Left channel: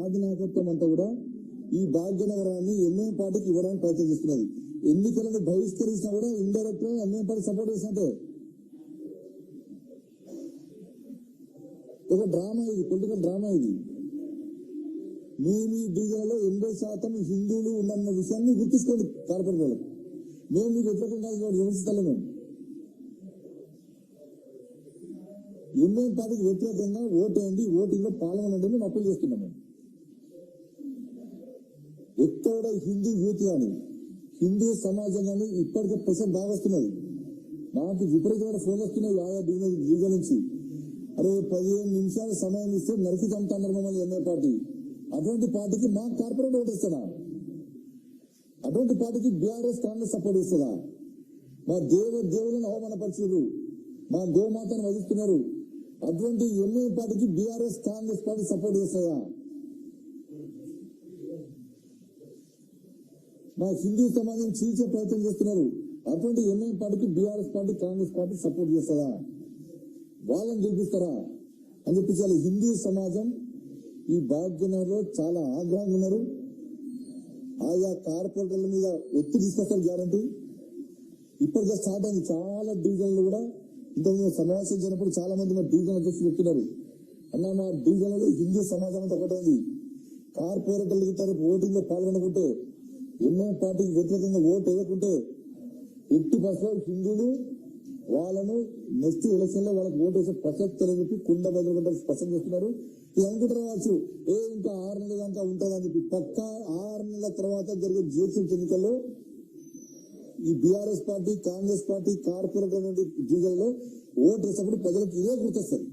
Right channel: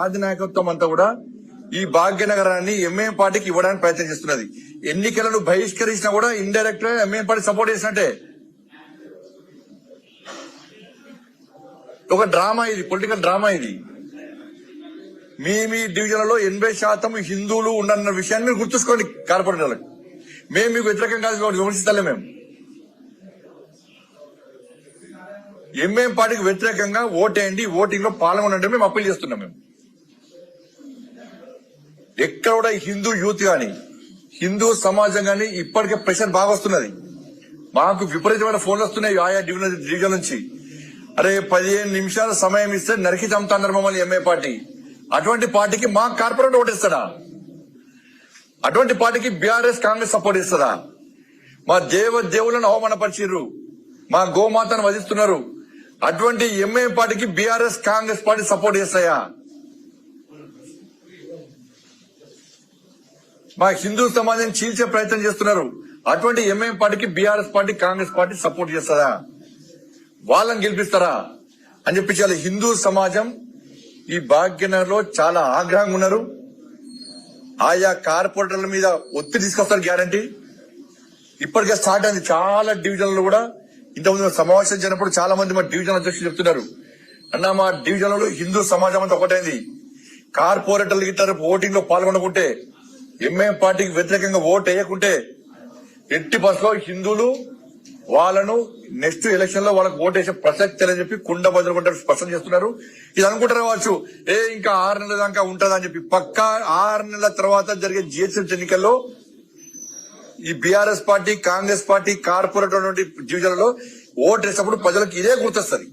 ఆది నాయకత్వం అంతా కూడా ఈ భాగ్యనగరాన్ని ఎంఐఎం పార్టీకి ఇవ్వడానికి ప్రయత్నం చేస్తున్నది. ఎన్నికలను బహిష్కరించినా కూడా ఇండైరెక్ట్ గా ఎంఐఎం పార్టీ సపోర్ట్ చేసినట్టే. ఒక డ్రామా ఇది, పొలిటికల్ డ్రామా ఇది. మీ డివిజన్లలో 80% హిందువులు ఉండన్న విషయాన్ని మీరు గుర్తుంచుకోండి. కార్పొరేటర్లకు మేము మీకు వ్యతిరేకం కాదు, విమర్శిస్తలే. మేము ఎంఐఎం పార్టీకి వ్యతిరేకంగా ఓటేయండి, ఓటింగ్ లో పాల్గొనండి మేము అప్పీల్ చేస్తున్నాం. మేము ఎక్కడ కూడా హిందూ యూత్ గాని హిందూ సమాజం గాని ఇప్పటికే ప్రెషర్ బాగా వస్తున్నది. మాకు విపరీతమైన ఫోన్లు వస్తున్నాయి ఆయా డివిజన్ నుంచి. అరే 15 నిమిషాల సమయం ఇస్తే నరికి చంపుతున్నారు మమ్మల్ని ఎంఐ పార్టీ. అటువంటి పార్టీకి మా కార్పొరేట్ ఓటేస్తాడా? అటువంటి పార్టీకి బీఆర్ఎస్ కాంగ్రెస్ సపోర్ట్ ఇస్తుందా? మా దేవులను అవమానపరిచిర్రు, మా గోమాతను వధిస్తున్నారు. అటువంటి ఎంఐ పార్టీకి బీఆర్ఎస్ కాంగ్రెస్ పార్టీ సపోర్ట్ చేస్తాయా? మా హిందూ సమాజాన్ని చీల్చే ప్రయత్నం చేస్తున్నారు. అటువంటి ఎంఐఎం పార్టీకి BRS party Congress party support చేస్తారా? వాళ్ళని గెలిపిస్తారా అని చెప్పి చాలా హిందూ సమాజం ఈ భాగ్యనగర్ లో చాలా ఆగ్రహంగా ఉన్నారు. ఆయా కార్పొరేటర్ల మీద ఒత్తిడి తీసుకొస్తారు గ్యారంటీ. ఇప్పటికే స్టార్ట్ అయింది చాలా డివిజన్లు కూడా. ఇంతకుముందు సమావేశం జరిగినప్పుడు చాలా మంది మా డివిజన్ అధ్యక్షులు చెప్తున్నారు, అన్న మా డివిజన్లలో హిందూ సమాజం అంతా ఒకటైంది. కార్పొరేటర్లు గిట్టారు ఓటింగ్ లో పాల్గొనకుంటే, ఎంఐఎం పార్టీకి వ్యతిరేకంగా ఓటు వేయకుంటే ఎట్టి బస్సులో హిందువులు వాళ్ళను నెక్స్ట్ ఎలక్షన్ లో వాళ్ళకి ఓటు వేసే ప్రసక్తి అని చెప్పి కుండ బదులు కొంటే స్పష్టం చేస్తున్నారు. ఇది అనుకుంటారు కావచ్చు, ఇంకా 6 నెలల దాకా ఉంటుందని చెప్పి. పక్కా 6 నెలల తర్వాత జరిగే జిహెచ్ఎంసీ ఎన్నికల్లో ఈ BRS party Congress party corporator డివిజన్లలో ఓటు వేసినప్పుడు ప్రజలకు ఇదే గుర్తొస్తుంది.